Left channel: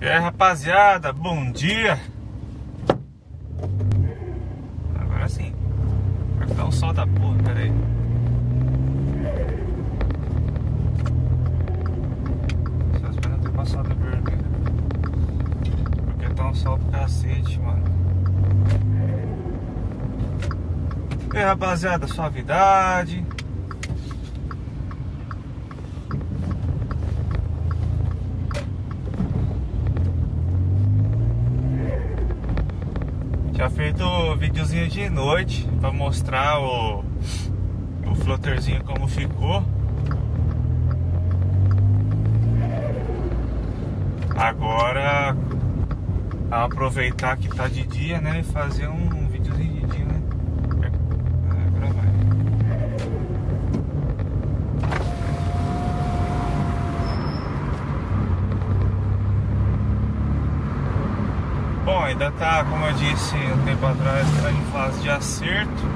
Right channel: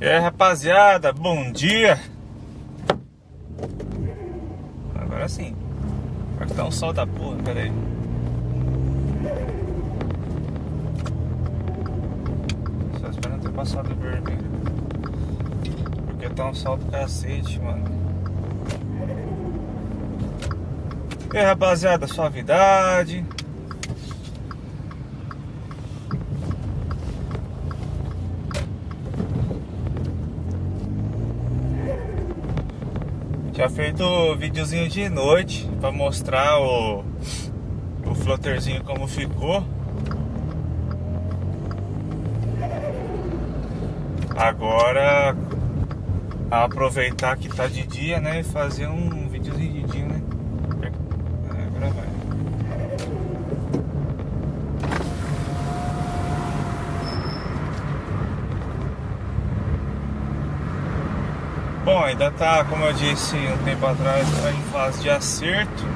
E aí, rapaziada, bom dia. Agora sim. Vai dar um sol da porra, pera aí. Só esperando ter passado o vermelho, porque tá um sol do cacete, mano. E aí, rapaziada, suavidade. Já feito o videozinho de noite pra mostrar o flutterzinho como ficou. Agora aproveitar que tá de dia, né, e fazer um videozinho de dia, né? Agora vai. Bom, ainda tá, como eu disse um tempo atrás, tá em fase de acerto.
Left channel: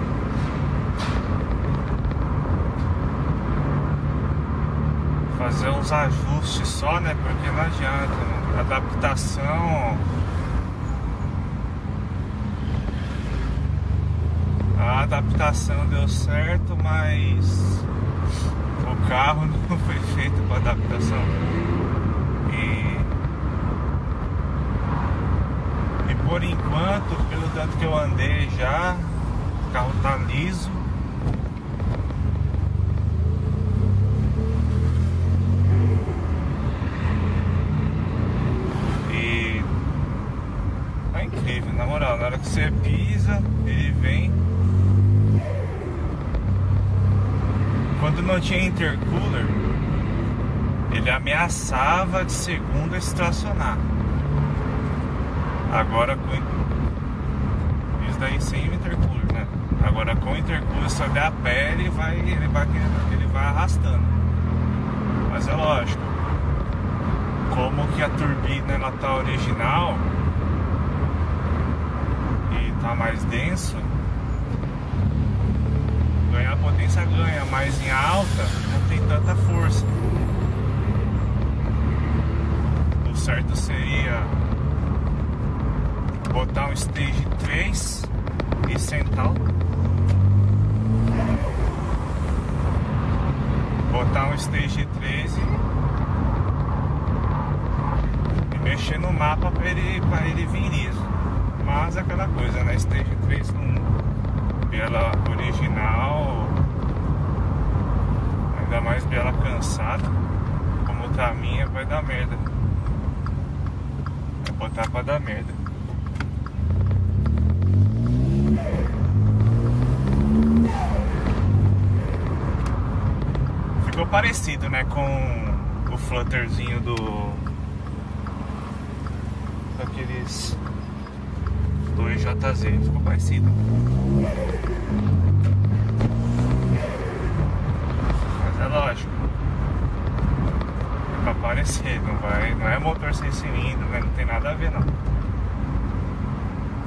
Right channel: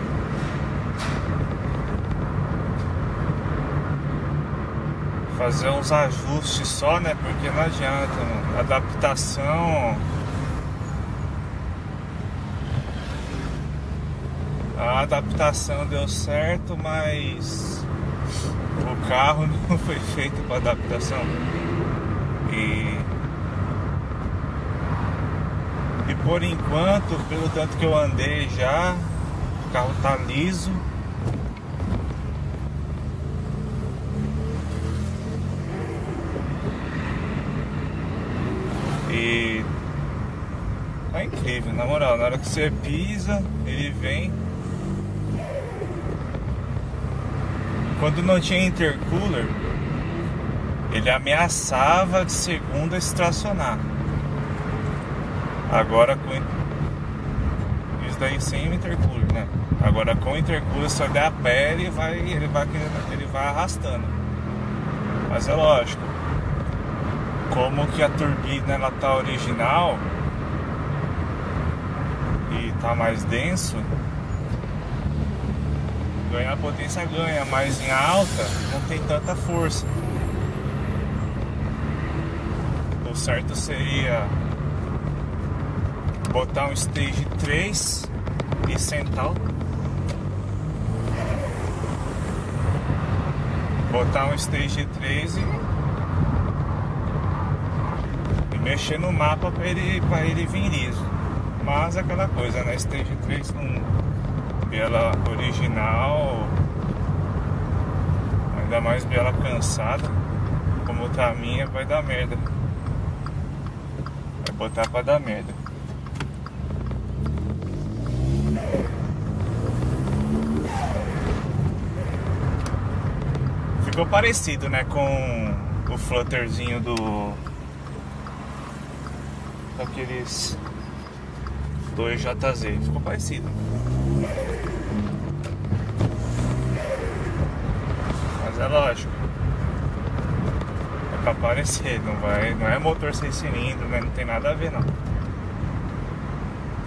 Fazer uns ajustes só, né? Porque não adianta, mano. A adaptação deu certo, mas o carro não foi feito para adaptação. E por enquanto, pelo tanto que eu andei já, o carro tá liso. E é incrível, na moral, na hora que você pisa, ele vem. Quando não tinha intercooler, ele ameaçava de segunda estacionar. Agora com isso daí sem intercooler, né? Agora com intercooler, se der a pé, ele vai arrastando. Mas é lógico, como que a turbina ela tá original e tá mais denso, ganhar potência ganha, mas em alta não tem tanta força. O certo seria botar um stage 3 e sentar, botar um stage 3 e mexer no mapa para ele vir liso. Mas aquela coisa, né? Stage 3 com biela original, ainda mais biela cansada como tá a minha, vai dar merda. Vai botar pra dar merda. Ficou parecido, né, com o flutterzinho daqueles 2JZ. Ficou parecido. Mas é lógico, é pra parecer, não é motor 6 cilindros, né, não tem nada a ver não.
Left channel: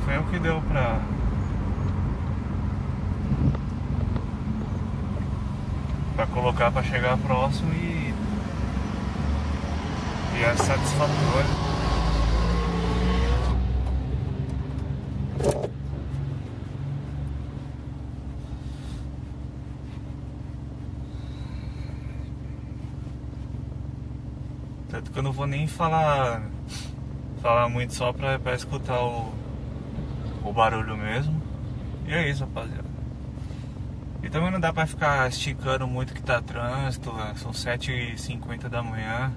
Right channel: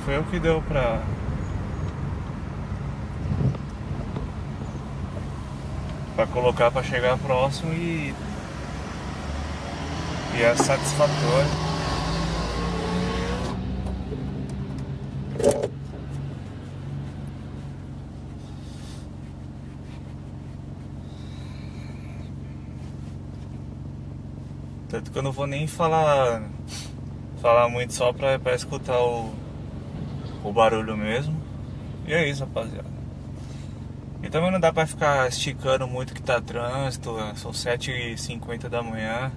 Foi o que deu pra colocar para chegar próximo e é satisfatório. Tanto que eu não vou nem falar muito, só para escutar o barulho mesmo. E é isso, rapaziada. E também não dá pra ficar esticando muito que tá trânsito, são 7h50 da manhã.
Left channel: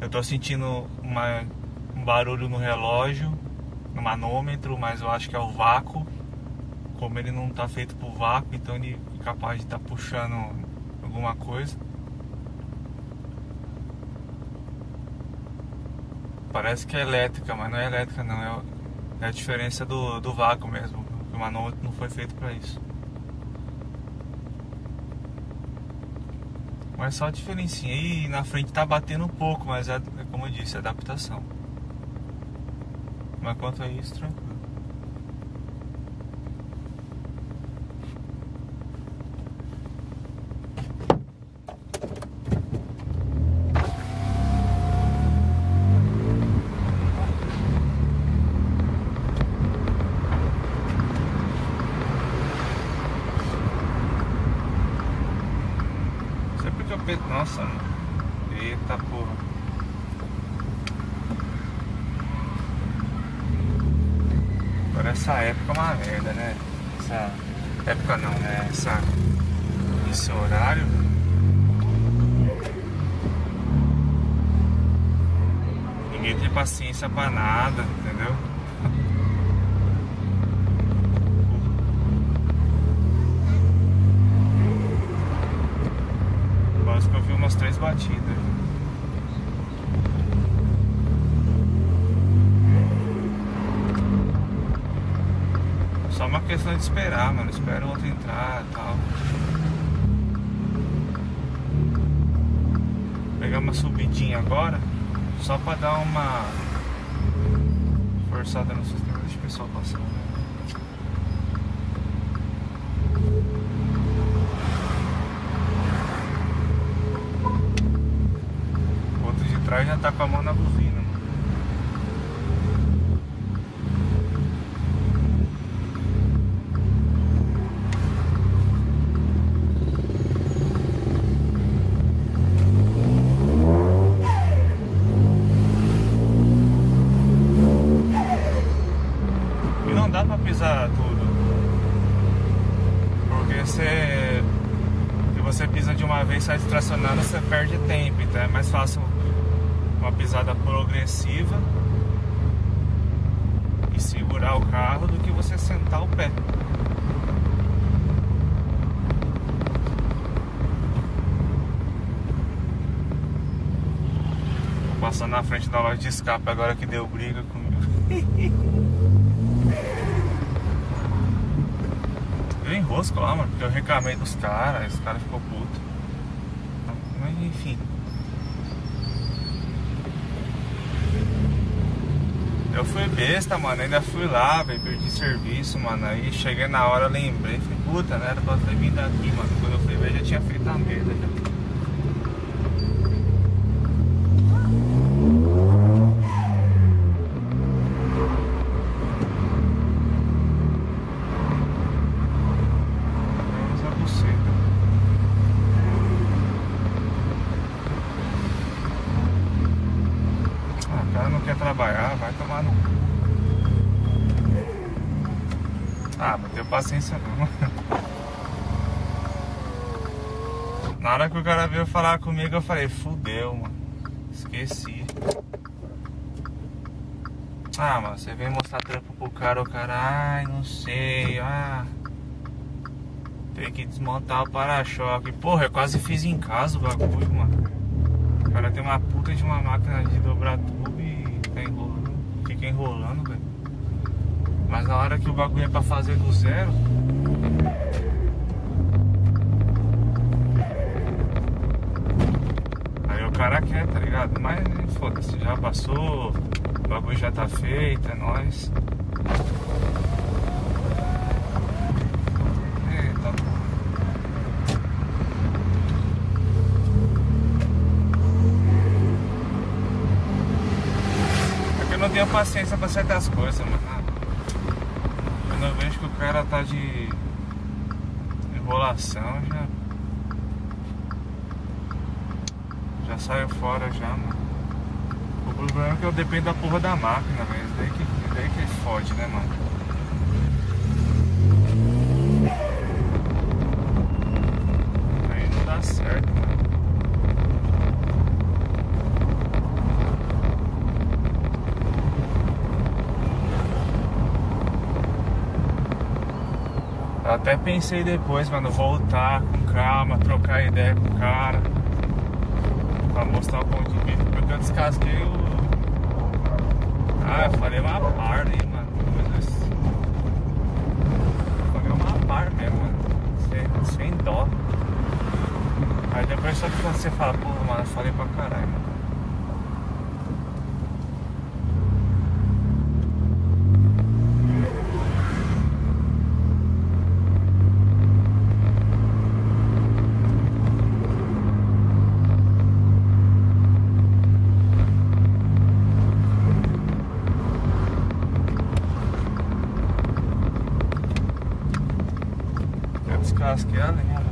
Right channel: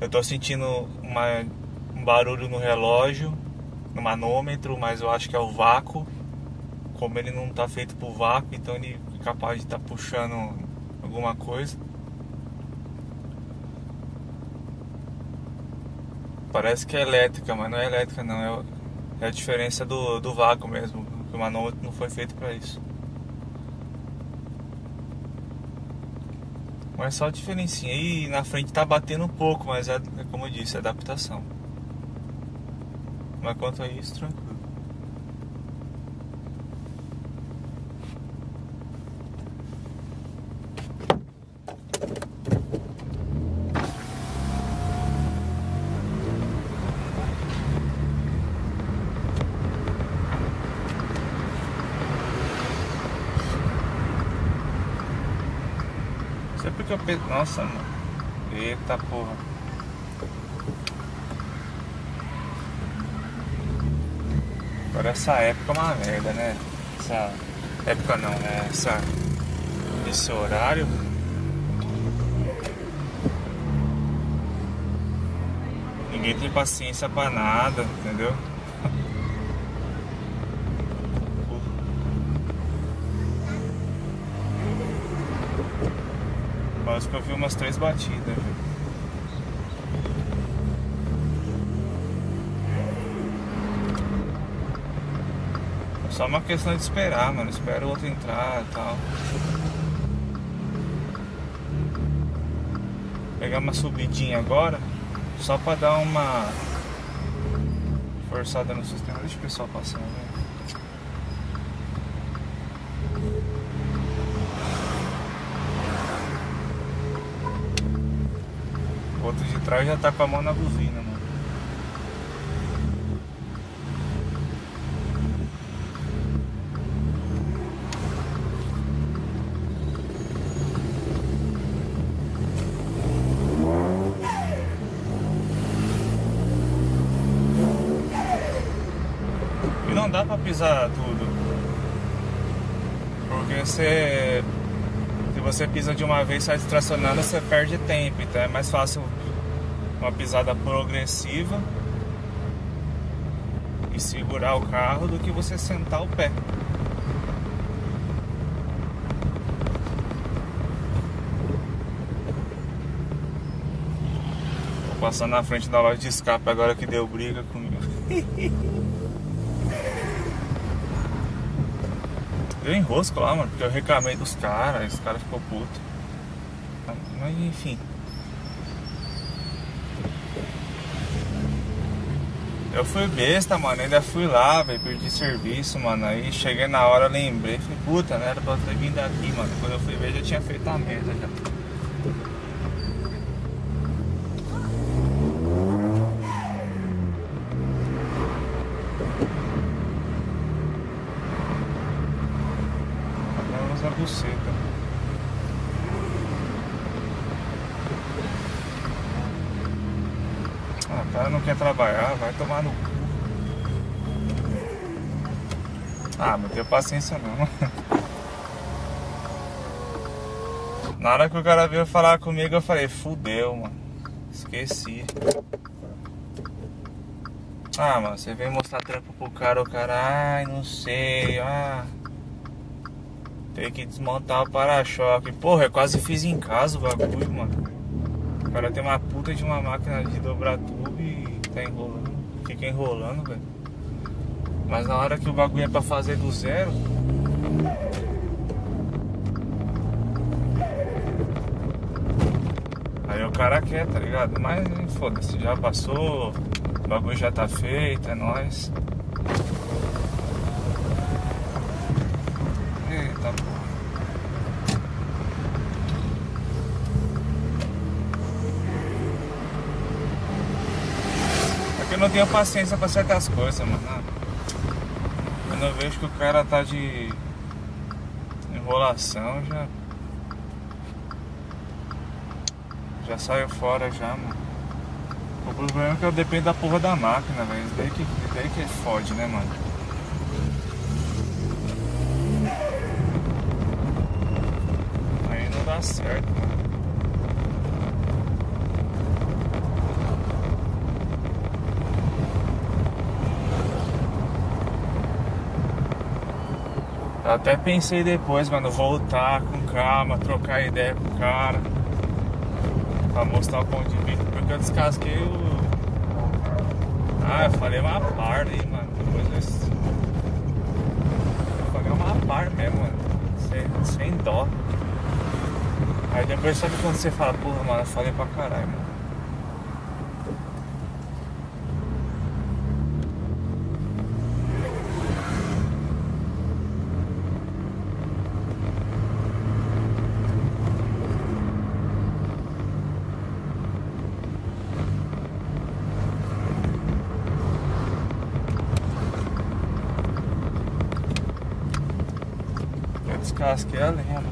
Eu tô sentindo um barulho no relógio, no manômetro, mas eu acho que é o vácuo. Como ele não tá feito pro vácuo, então ele é capaz de estar puxando alguma coisa. Parece que é elétrica, mas não é elétrica não, é a diferença do vácuo mesmo. O manômetro não foi feito pra isso. Mas só a diferencinha. E na frente tá batendo um pouco, mas é como eu disse, é adaptação. Mas quanto a isso, tranquilo. Sempre que eu penso, nossa, mano. Eita porra. Agora essa época é uma merda, né? Essa época não, né? Esse horário. Ninguém tem paciência pra nada, entendeu? Quase que eu vi umas 3 batidas. É só uma questão de esperar, mano. Espera o outro entrar e tal. Pegar uma subidinha agora, só pra dar uma forçada no sistema. Deixa o pessoal passar, né? O outro de trás já tá com a mão na buzina, mano. E não dá pra pisar tudo, porque se você pisa de uma vez sai distracionando, você perde tempo. Então é mais fácil uma pisada progressiva e segurar o carro do que você sentar o pé. Vou passar na frente da loja de escape agora que deu briga comigo. Deu enrosco lá, mano, porque eu reclamei dos caras, os caras ficou puto. Mas enfim. Eu fui besta, mano, ainda fui lá, velho, perdi serviço, mano. Aí cheguei na hora, lembrei, falei, puta, né, era pra ter vindo aqui, mano. Quando eu fui ver, já tinha feito a merda já. O cara não quer trabalhar, vai tomar no cu. Ah, não tenho paciência não. Na hora que o cara veio falar comigo, eu falei, fudeu, mano. Esqueci. Ah, mano, você veio mostrar trampo pro cara, o cara, ai, não sei, tem que desmontar o para-choque. Porra, eu quase fiz em casa o bagulho, mano. O cara tem uma puta de uma máquina de dobrar tubo e tá enrolando. Fica enrolando, velho. Mas na hora que o bagulho é pra fazer do zero, aí o cara quer, tá ligado? Mas foda-se, já passou, o bagulho já tá feito, é nóis. Eita, porra. Eu não tenho paciência pra certas coisas, mano. Quando eu vejo que o cara tá de enrolação, já saio fora já, mano. O problema é que eu dependo da porra da máquina, velho. Daí que fode, né, mano? Aí não dá certo, mano. Eu até pensei depois, mano, voltar com calma, trocar ideia com o cara pra mostrar o ponto de vista, porque eu descasquei o... eu falei uma par aí, mano. Eu falei uma par mesmo, mano, sem dó. Aí depois só que quando você fala, porra, mano, eu falei pra caralho, mano. Descasquei a lenha.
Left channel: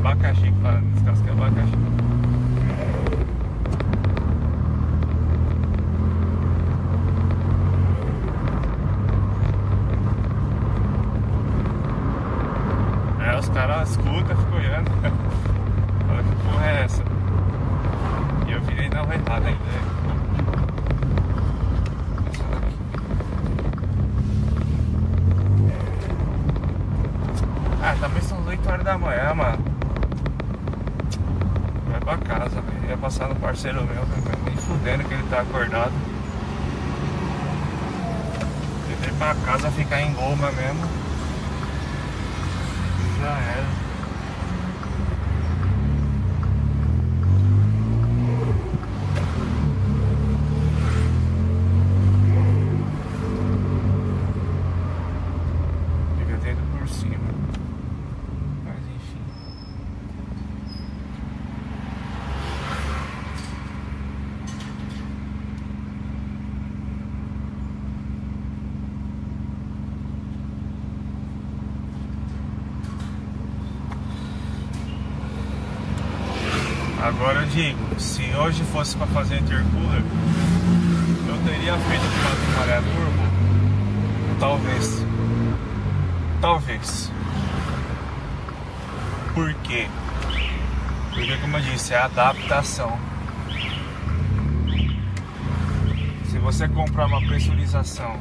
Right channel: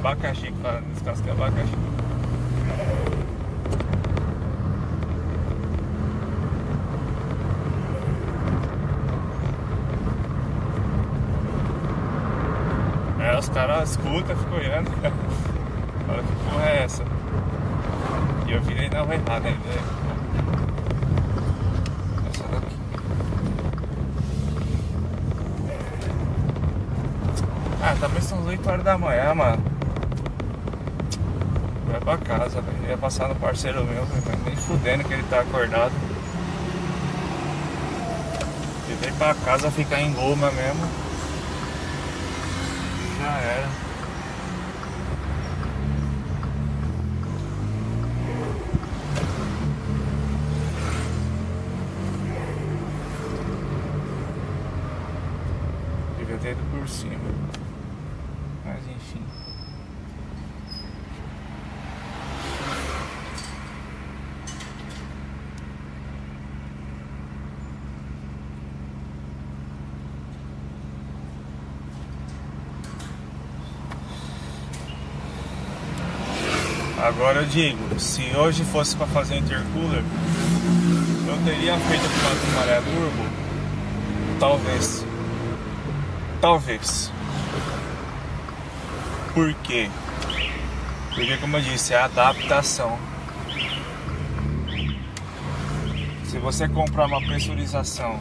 Abacaxi, que fala, descasca abacaxi. Os caras escutam, ficam olhando. Fala, que porra é essa? E eu virei na rua errada ainda. Essa daqui. Também são 8 horas da manhã, mano. Vai pra casa, velho. Ia passar no parceiro meu, nem fudendo que ele tá acordado. Eu vir pra casa ficar em Goma mesmo. Já era. Devia ter ido por cima. Mas enfim. Agora eu digo, se hoje fosse para fazer intercooler, eu teria feito com maré turbo, talvez. Por quê? Porque, como eu disse, é adaptação. Se você comprar uma pressurização,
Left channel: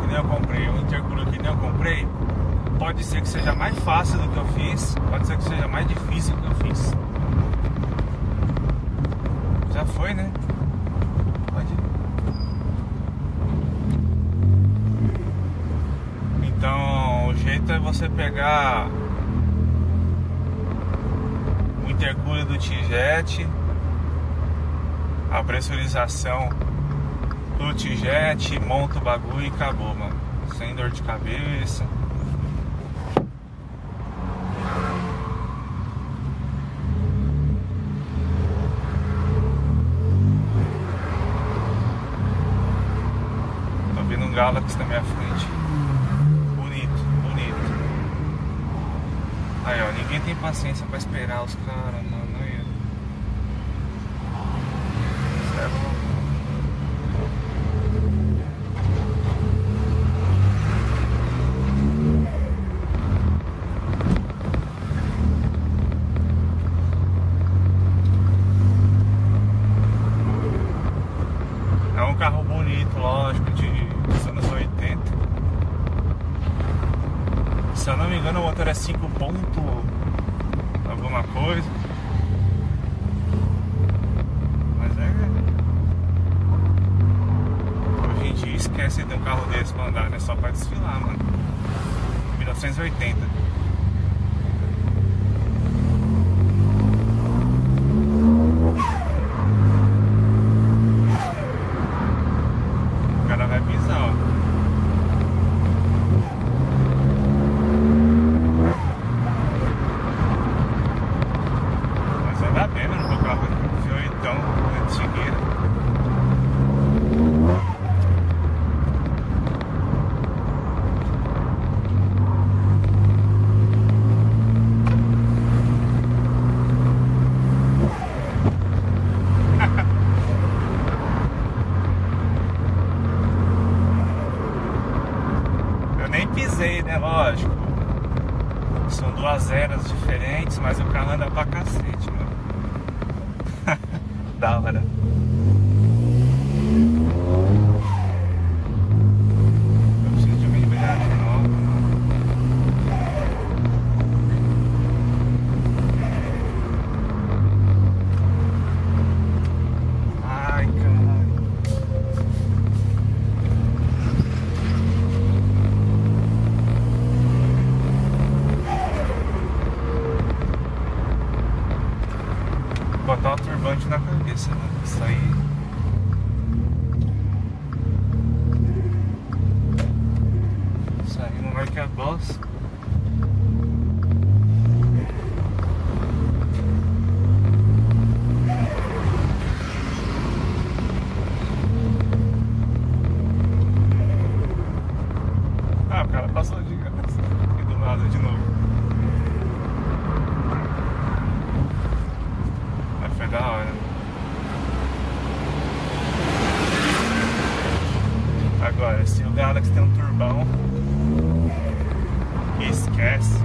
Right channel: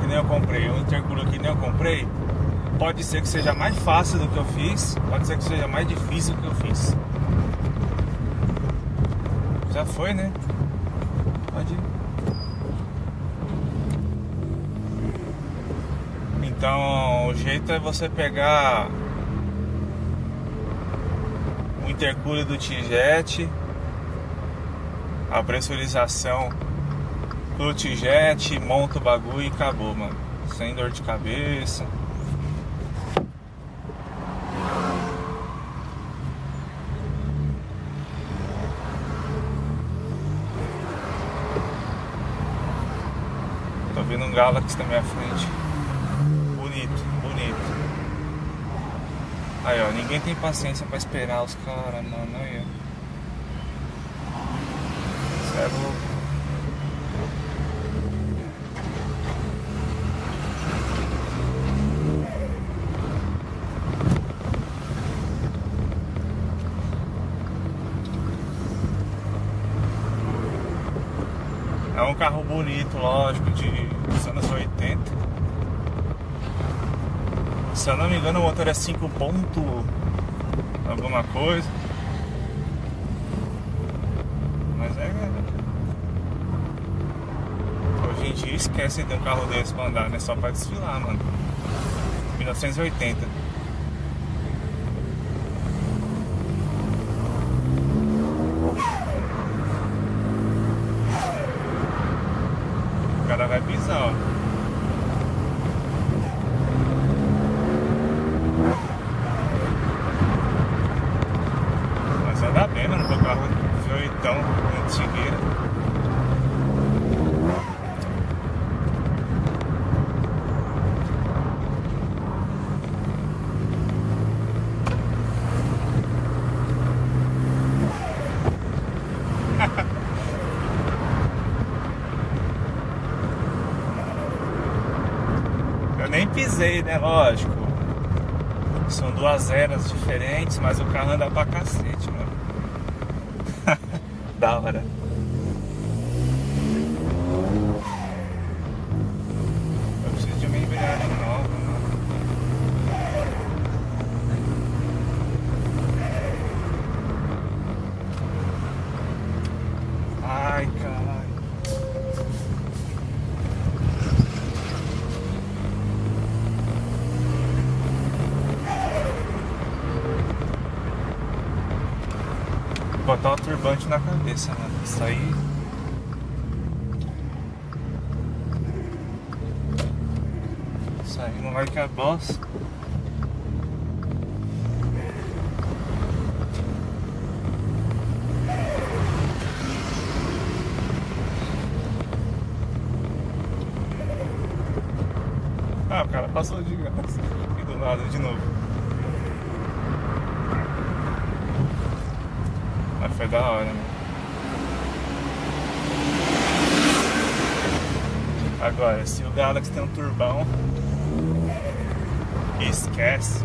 que nem eu comprei, um intercooler que nem eu comprei, pode ser que seja mais fácil do que eu fiz, pode ser que seja mais difícil do que eu fiz. Já foi, né? Pode ir. Então, o jeito é você pegar o intercooler do T-Jet, a pressurização do T-Jet, monta o bagulho e acabou, mano. Sem dor de cabeça. Tô vendo um Galaxy na minha frente. Bonito, bonito. Aí, ó, ninguém tem paciência pra esperar os caras, mano. Aí, ó. Sério. É um carro bonito, lógico, dos anos 80. Se eu não me engano, o motor é 5 ponto alguma coisa. Mas hoje em dia esquece de ter um carro desse pra andar, né? Só pra desfilar, mano. 1980. O cara vai pisar, ó. Mas anda bem, mano, no carro V8 antigueira. Eu nem pisei, né? Lógico. São duas eras diferentes, mas o carro anda pra cacete, mano. Da hora. Eu preciso de uma embreagem nova. Ai, caralho. Botar um turbante na cabeça, mano. Isso aí. Isso aí não vai que é boss. Ah, o cara passou de graça aqui do lado de novo. Mas foi da hora, né? Agora, se o Galaxy tem um turbão, esquece.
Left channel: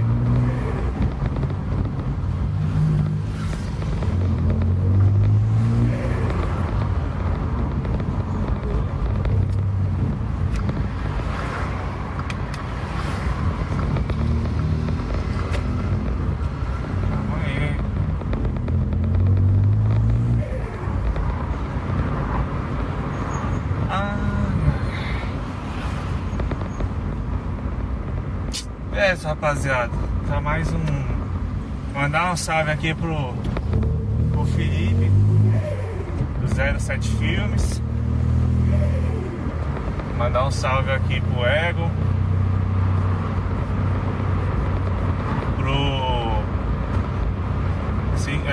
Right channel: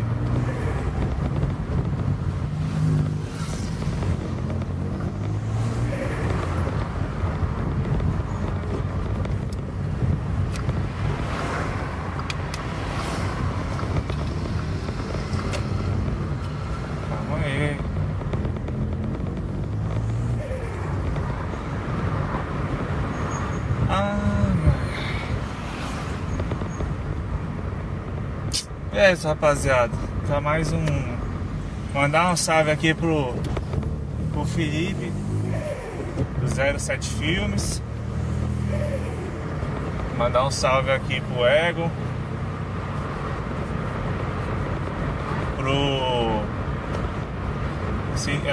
Calma aí. É isso, rapaziada. Tá mais um. Mandar um salve aqui pro Felipe do 07 Filmes. Mandar um salve aqui pro Ego.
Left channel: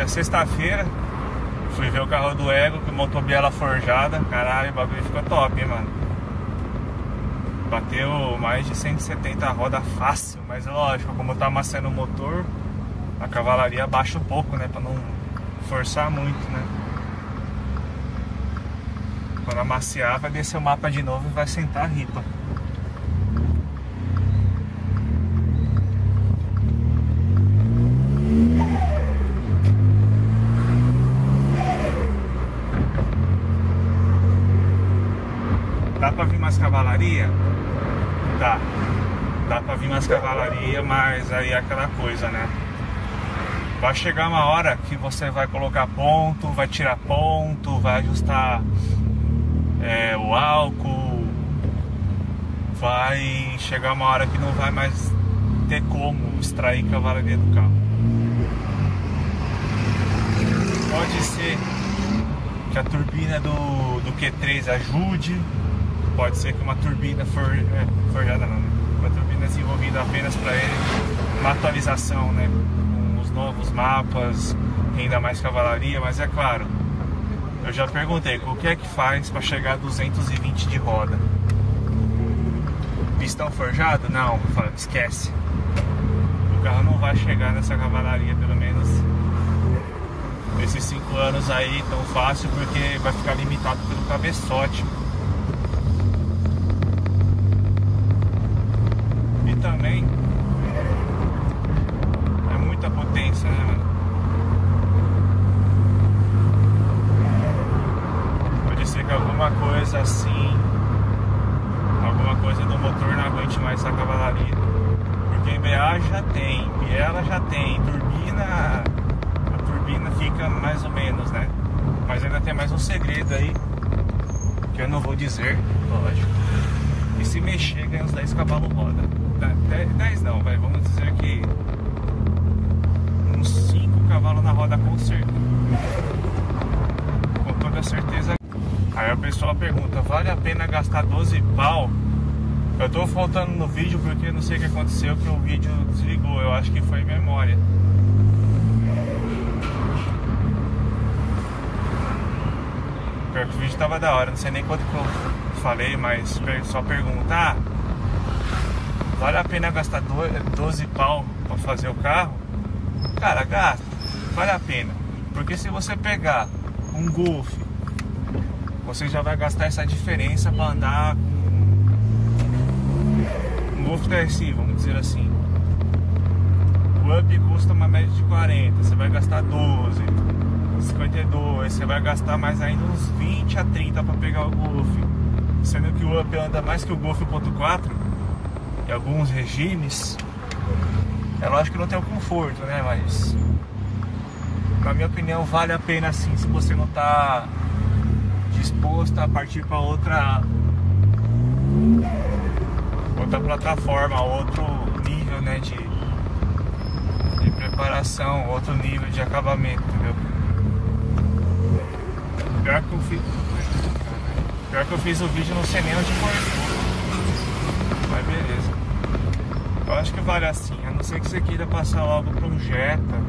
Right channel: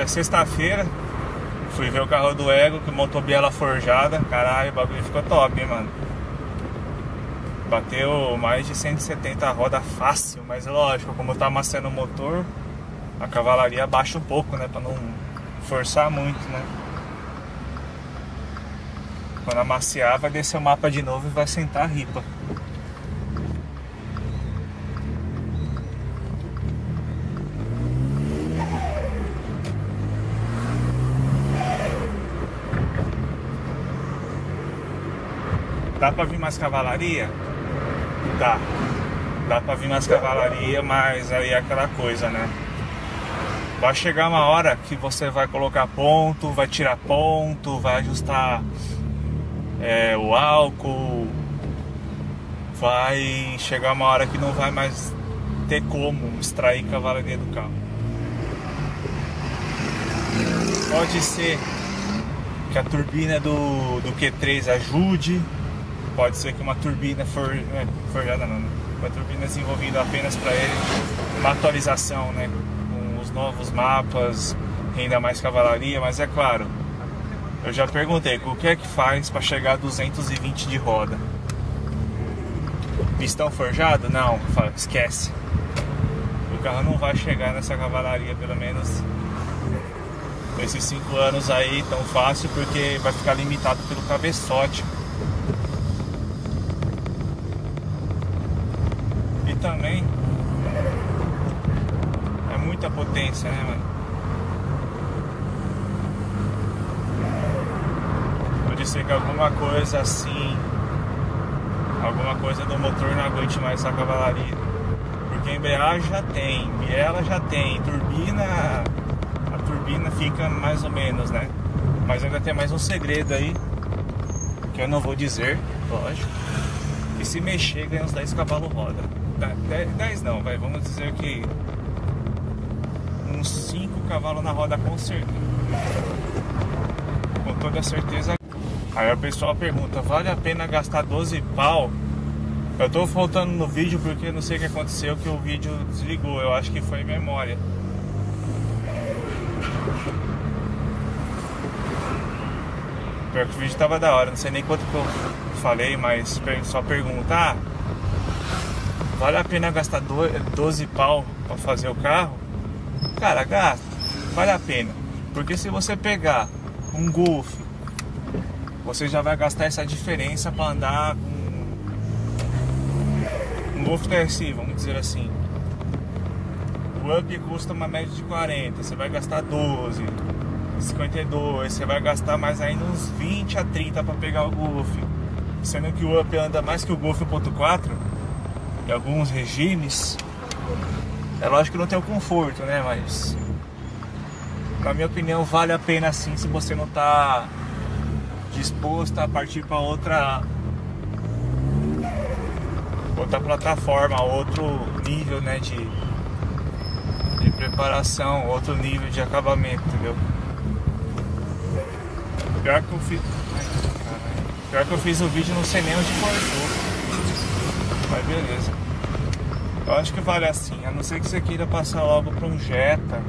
Sexta-feira fui ver o carro do Ego com motobiela forjada. Caralho, o bagulho ficou top, hein, mano. Bateu mais de 170 roda fácil, mas lógico, como tá amassando o motor, a cavalaria abaixa um pouco, né, pra não forçar muito, né. Quando amaciar, vai descer o mapa de novo e vai sentar a ripa. Dá pra vir mais cavalaria? Dá pra vir mais cavalaria, mas aí é aquela coisa, né? Vai chegar uma hora que você vai colocar ponto, vai tirar ponto, vai ajustar o álcool. Vai chegar uma hora que não vai mais ter como extrair cavalaria do carro. Pode ser que a turbina do Q3 ajude. Pode ser que uma turbina forjada não, né? Uma turbina desenvolvida apenas para ele, uma atualização, né? Com os novos mapas, ainda mais cavalaria, mas é claro, eu já perguntei, o que é que faz para chegar a 220 de roda? Pistão forjado? Não, esquece. O carro não vai chegar nessa cavalaria, pelo menos esses 5 anos aí tão fácil, porque vai ficar limitado pelo cabeçote. Também é muita potência, né, mano? Pode ser que alguma coisa assim, alguma coisa do motor não aguente mais essa cavalaria, porque embreagem já tem, biela já tem, turbina, a turbina fica mais ou menos, né? Mas ainda tem mais um segredo aí que eu não vou dizer, lógico. E se mexer ganha uns 10 cavalos roda. 10 não, vamos dizer que uns 5 cavalos na roda com certeza. Com toda certeza. Aí o pessoal pergunta, vale a pena gastar 12 pau? Eu tô faltando no vídeo porque não sei o que aconteceu, que o vídeo desligou, eu acho que foi memória. Pior que o vídeo tava da hora, não sei nem quanto que eu falei, mas só perguntar. Vale a pena gastar 12 pau para fazer o carro? Cara, gasta, vale a pena. Porque se você pegar um Golf, você já vai gastar essa diferença para andar com um Golf TSI, vamos dizer assim. O Up custa uma média de 40, você vai gastar 12, 52, você vai gastar mais ainda uns 20 a 30 para pegar o Golf. Sendo que o Up anda mais que o Golf 1.4 em alguns regimes. É lógico que não tem o conforto, né? Mas na minha opinião vale a pena sim, se você não está disposto a partir para outra plataforma, outro nível, né, de preparação, outro nível de acabamento, entendeu? Pior que eu fiz o vídeo, não sei nem onde cortou. Mas beleza. Eu acho que vale assim, a não ser que você queira passar logo para um Jetta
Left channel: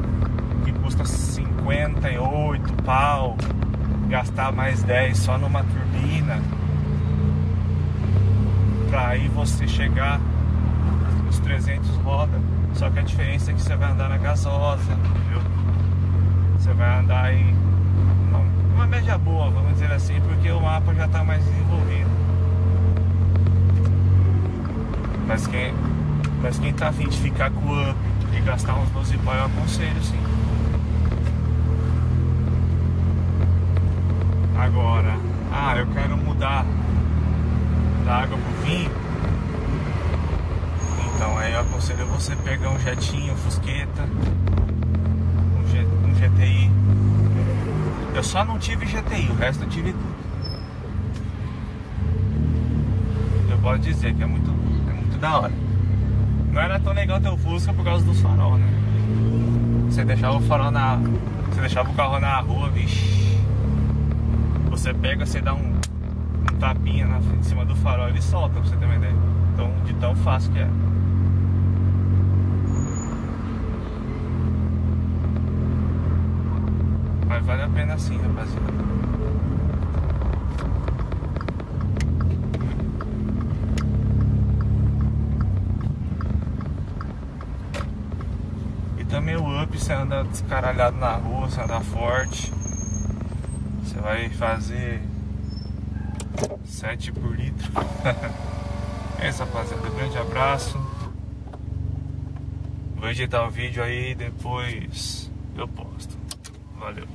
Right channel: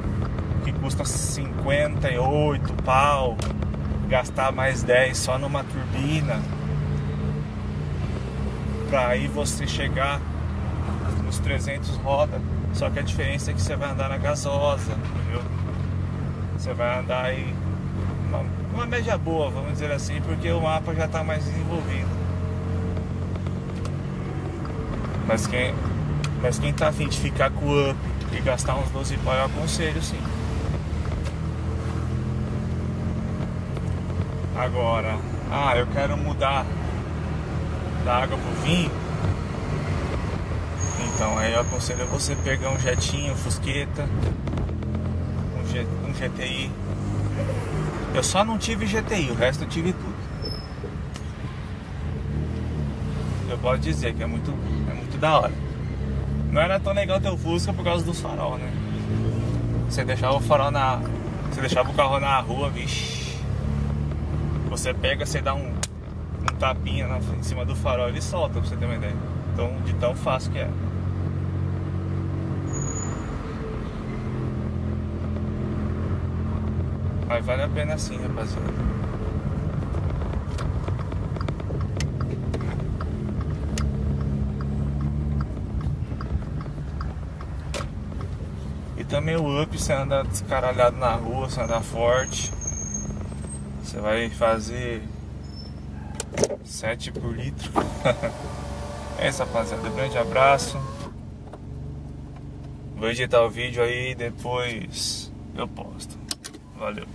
que custa 58 pau, gastar mais 10 só numa turbina, pra aí você chegar uns 300 roda, só que a diferença é que você vai andar na gasosa, entendeu? Você vai andar aí uma média boa, vamos dizer assim, porque o mapa já está mais desenvolvido. Mas quem tá a fim de ficar com o up e gastar uns 12 pau, eu aconselho sim. Agora, eu quero mudar da água pro vinho. Então aí eu aconselho você pegar um jetinho, um Fusqueta, um GTI. Eu só não tive GTI, o resto eu tive tudo. Eu posso dizer que é muito da hora. Não era tão legal ter o Fusca por causa dos farol, né? Você deixava o farol você deixava o carro na rua, vixe. Você pega, você dá um tapinha em cima do farol, ele solta, pra você ter uma ideia. Então, de tão fácil que é. Mas vale a pena sim, rapaziada. E também o up, você anda descaralhado na rua, você anda forte. Você vai fazer 7 por litro. É isso, rapaziada. Grande abraço. Vou editar o vídeo aí, depois eu posto. Valeu.